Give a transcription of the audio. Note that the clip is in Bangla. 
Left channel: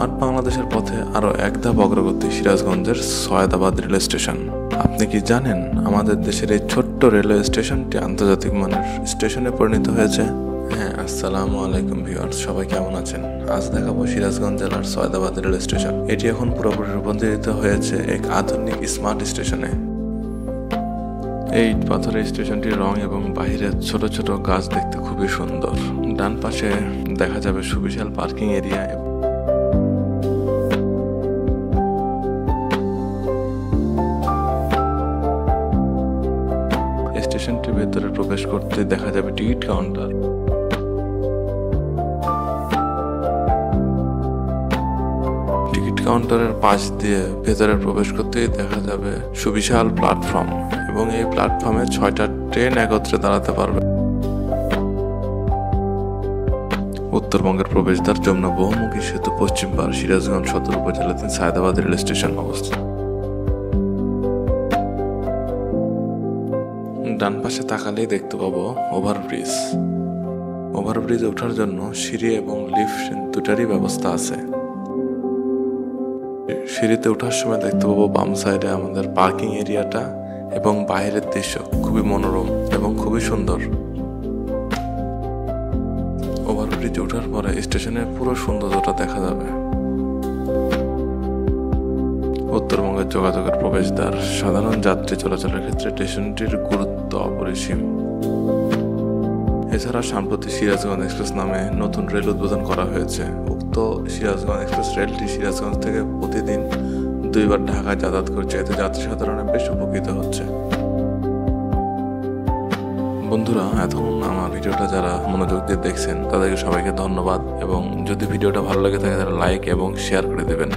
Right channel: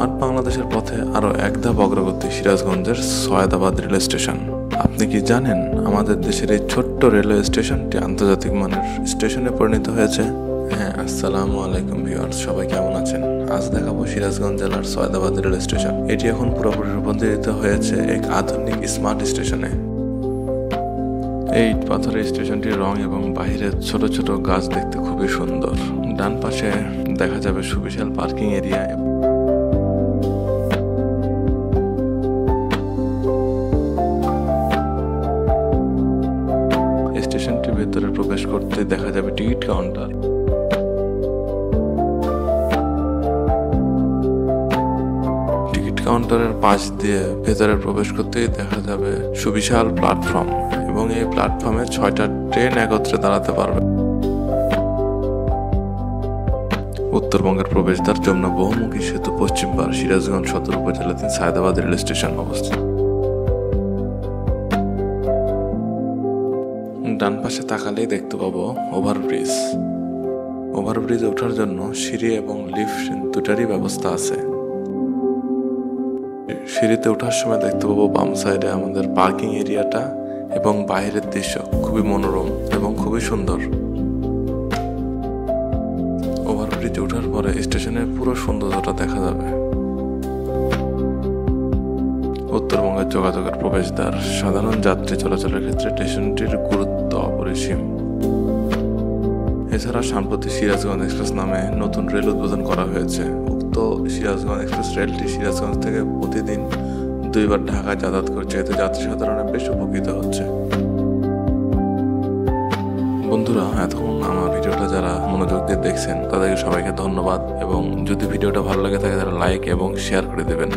স্মার্ট বাংলাদেশের পথে আরও এক ধাপ অগ্রগতি সিরাজগঞ্জের সৈয়দাবাদ রেল স্টেশন। আপনি কি জানেন আমাদের দেশের এই ছোট্ট রেলওয়ে স্টেশনটি আন্তর্জাতিক মানের স্টেশনে পরিণত হয়েছে? হ্যাঁ, আসসালামু আলাইকুম ভিউয়ার্স, সবাই কেমন আছেন? আজ দেখাবো সিরাজগঞ্জ জেলার সৈয়দাবাদ রেল স্টেশন। এটি এখন পুরোপুরি রূপান্তরিত হয়েছে এক আধুনিক স্মার্ট স্টেশনে। এই ইট পাথরের স্টেশনটির রং এবং বাহিরের ছোট ছোট গাছ দেখতে খুবই সুন্দর। ডান পাশে দেখা যাবে সুবিশাল পার্কিং এরিয়া। স্টেশনটির ভেতরে প্রবেশ করতে দেখা যাবে টিকিট কাউন্টার। টিকিট কাউন্টারের পাশ দিয়ে ভেতরে প্রবেশ করতেই দেখা যাবে সুবিশাল প্ল্যাটফর্ম এবং এই প্ল্যাটফর্মে 6টা ট্রেন একত্রে দাঁড়াতে পারবে। উত্তরবঙ্গের প্রবেশদ্বার যমুনা বহুমুখী সেতু পশ্চিম পার সিরাজগঞ্জ সদর উপজেলাধীন সৈয়দাবাদ রেল স্টেশন অবস্থিত। ডান পাশে তাকালেই দেখতে পাবো ওভারব্রিজ। ওভারব্রিজে ওঠার জন্য সিঁড়ি এবং লিফট দুটারই ব্যবস্থা আছে। সিঁড়িতে ওঠার সময় দেখতে পাবো বাম সাইডে আমাদের পার্কিং এরিয়াটা এবং বাইরের দৃশ্য খুবই মনোরম এবং খুবই সুন্দর। ওভারব্রিজে ওঠার পরে স্টেশনের পুরো সৌন্দর্যটা দেখা যাবে। উত্তরবঙ্গের যোগাযোগের প্রবেশদ্বার, সাধারণ যাত্রী চলাচলের ক্ষেত্রে স্টেশনটির গুরুত্ব অপরিসীম। এছাড়া সম্প্রতি সিরাজগঞ্জ এক্সপ্রেস নামে নতুন রেল উদ্বোধন করা হয়েছে। উক্ত সিরাজগঞ্জ এক্সপ্রেস রেলটি সিরাজগঞ্জ থেকে প্রতিদিন 2বার ঢাকায় যাতায়াত করছে, এতে যাত্রী সাধারণে বেশ উপকৃত হচ্ছে। বন্ধুরা, এতক্ষণ আমার ভিডিওটা যারা মনোযোগ দিয়ে দেখছেন তাদেরকে সবাইকে ধন্যবাদ, এবং যদি ভিডিওটা ভালো লাগে থাকে তাহলে লাইক এবং শেয়ার করে দেবেন।